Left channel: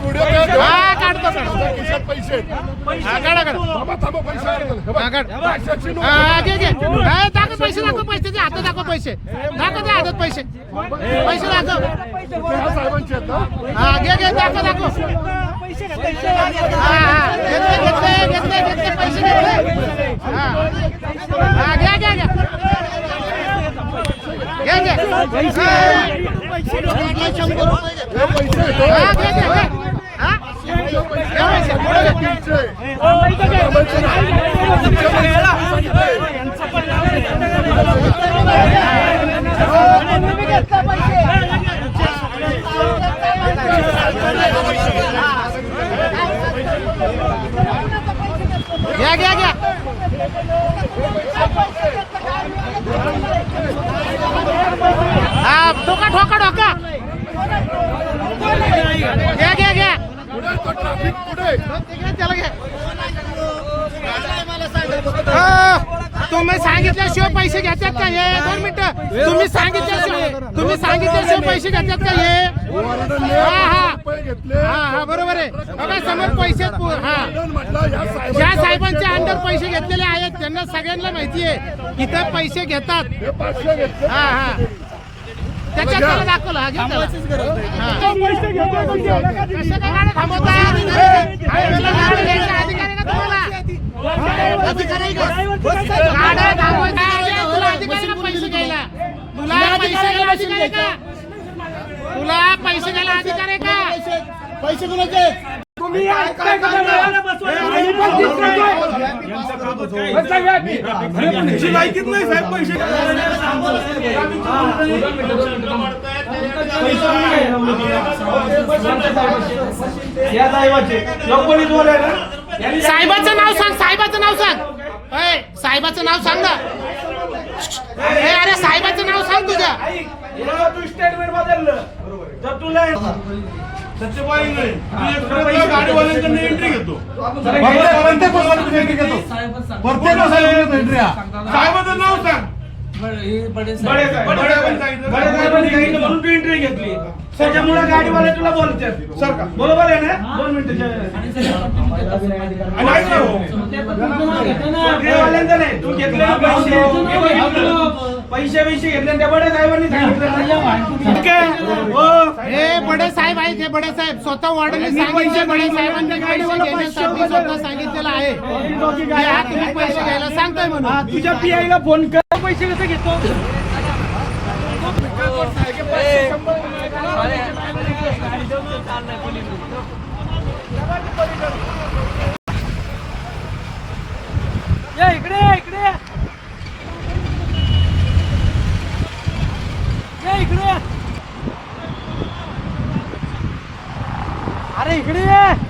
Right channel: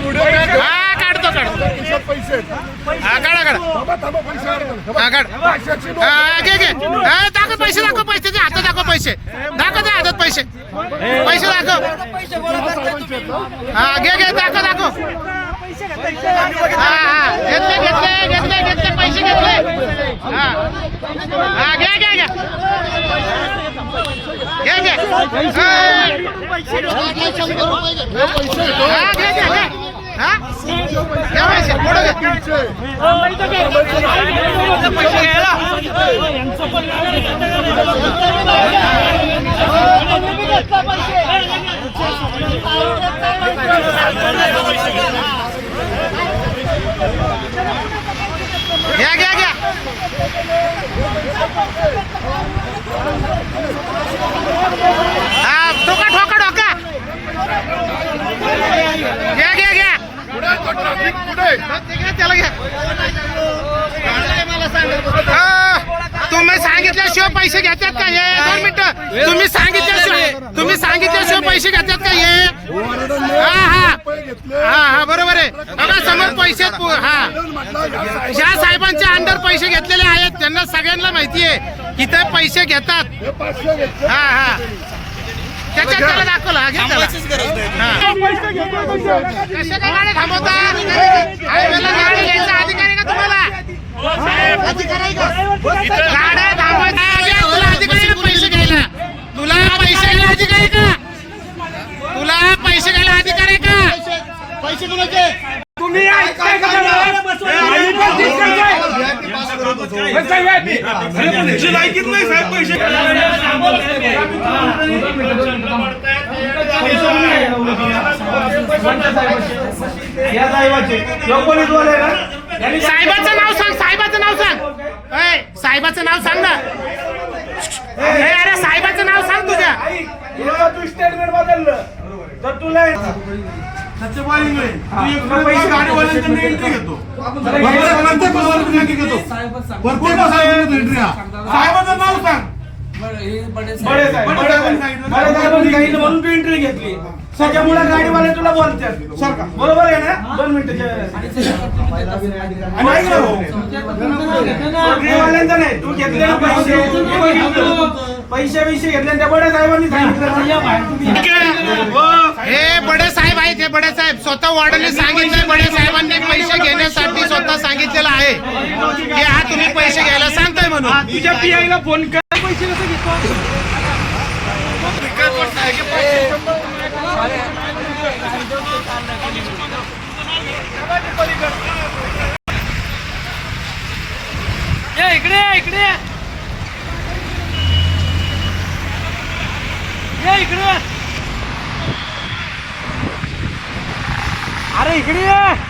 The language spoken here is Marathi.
हा काढतो काढतो. पैसे हा काढा काढा. बाबा थांबा पैसे आणा. हा काढ. हा घे घे. दाखव पैसे दाखव पैसे ते हातात दाखव पैसे. दाखव ते हातात पैसे. पैसे दाखव? हा घे घे दाखव दाखव. हा हा. घेतले घेतले घेतले घेतले पैसे घेतले. हा. हा घ्या घ्या घ्या. हे. पैसे आहेत हो. हा घे घे घे हा घे पैसे पुढे घे तुमचे. घ्या घ्या घ्या. हा ठोका ठोका ठोका. घ्या घ्या घ्या. त्याला घ्या. तुम्ही सांगितल्याशिवाय पैसे घेतात का हे? दोन मिनिटं. तुम्ही सांगितल्याशिवाय तुम्ही सांगितल्याशिवाय पैसे घेतात का हे? हा हा. हा हा बरोबर आहे. बघा समोर पैसे आहेत. हा. ज्या साहेबांच्या अंडर पैसे घेतलेले आहेत त्यांना सगळ्यांना माहिती आहे. इथे पैसे घेतात. हा हा. त्याच्यात त्याला दाखवलं. हा घे त्याला हा कशा काय गाड्या थांबवता हायवेला गाडी घ्यायचा अधिकार आहे का तुम्हाला गाड्या थांबवायचा आहे, तुला अधिकार आहे का पैसे घ्यायला तुला पैसे घ्यायला अधिकार आहे का तुला पैसे घ्यायला अधिकार आहे का पैसे कुणाचे साहेबाचं नाव सांग साहेबाचं नाव सांग. अय साहेबाचं नाव सांग ना. ए, अरे साहेबाचं नाव सांग तुझ्या. तू स्टेटमेंट बदललं तर तुला सत्यवादी नाही तू एक पैसे गाडीवाल्यांचं मी एंट्री घेतो साहेबाचं नाव सांग बडे साहेब बडे साहेबांनी सांगितलं. बडे साहेबांनी सांगितलं म्हणून तू एंट्री घेतली. त्याच्यामुळे गाडीवाले तुला बोलतात. सर बरोबर आहे ना? दोन मिनिटं आणि ऐक ना भाऊ. गाडीवाल्यांचं नाही. तू घेतले पैसे. हे. पैसे पैसे घेतले त्या बड्या साहेबांनी सांगितलं. हो. हे. बडे साहेब आहेत हे बडे साहेब. स्वतः वॉर्डनने सांगितलंय बडे साहेबांनी पैसे घेण्यासाठी स्वतः सांगितलेलं आहे. की हा तुम्ही पैसे घ्यायला सांगताय म्हणून. तुझ्या पी ला फोन कर. पैसे कसे घेतो? इकडे ये, इकडे ये. ये इकडे अरे इकडे ये